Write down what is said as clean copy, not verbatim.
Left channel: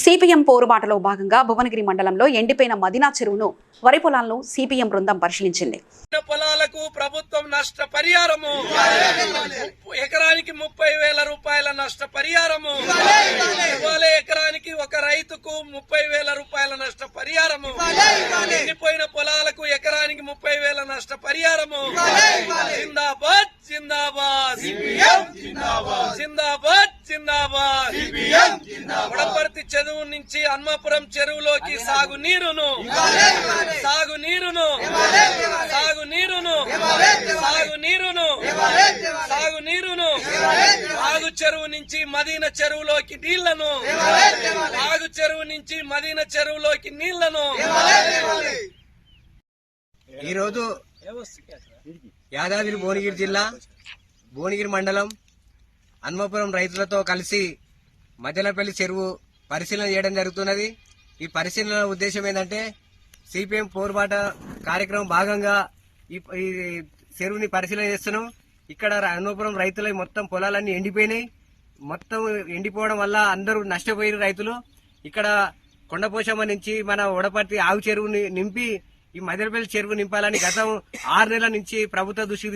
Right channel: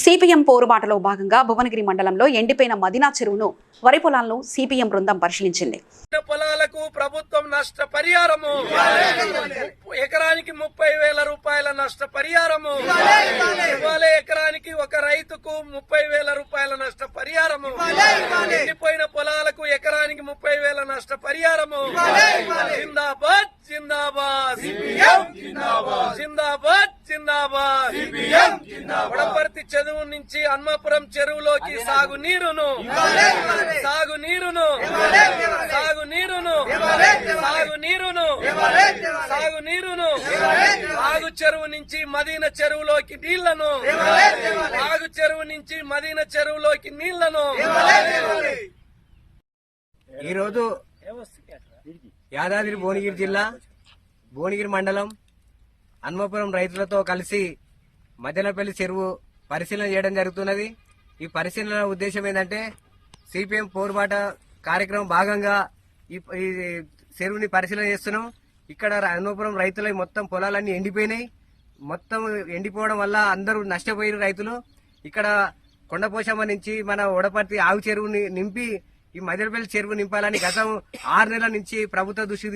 CPM పోరుబాటలో భాగంగా భువనగిరి మండలంలో ఎండిపోయిన మదినా చెరువును వరి పొలాలను సిపిఎం బృందం పరిశీలించింది. పొలాలకు ప్రభుత్వం నష్టపరిహారము, ఎకరానికి 30,000 రూపాయల నష్టపరిహారము ఇవ్వాలి. ఎకరానికి ఒక రైతుకు 30,000 రూపాయల నష్టపరిహారము. ఎండిపోయిన పొలాలకు ఎకరానికి 30,000 నష్టపరిహారము. జిందాబాద్ జిందాబాద్ జిందాబాద్ జిందాబాద్. వడపర్తి చెరువు నుంచి హన్మాపురం చెరువులోకి సాగునీరును సాగునీరును సాగునీరును సాగునీరును సాగునీరును ఆగు చెరువు నుంచి మదీనా చెరువులోకి నీళ్లను ఆగు చెరువు నుంచి మదీనా చెరువులోకి నీళ్లను. ఈరోజు యాదాద్రి భువనగిరి జిల్లా భువనగిరి మండలం హన్మాపురం రైతులతో కలిసి మధ్యలపల్లి చెరువు పరిశీలన చేయడం జరుగుతున్నది. ఈ పరిశీలన ఉద్దేశం ఏంటంటే సిపిఎం పోరుబాట కార్యక్రమం భాగంగా ఈ చెరువుని పరిశీలన చేస్తున్నాం. ఇక్కడ హన్మాపురం రైతుల మొత్తం పొలాలన్నీ ఎండిపోయినాయి. మొత్తం ఎండిపోవడం వల్ల అందరూ నష్టపోయిన రైతులు ఇక్కడ కొండపోశమ్మ నుంచి మన వడపర్తి ఆగు చెరువుని నింపి ఈ మధ్యలపల్లి చెరువు నింపాలని గతం 6 నెలల నుంచి ప్రభుత్వ దృష్టి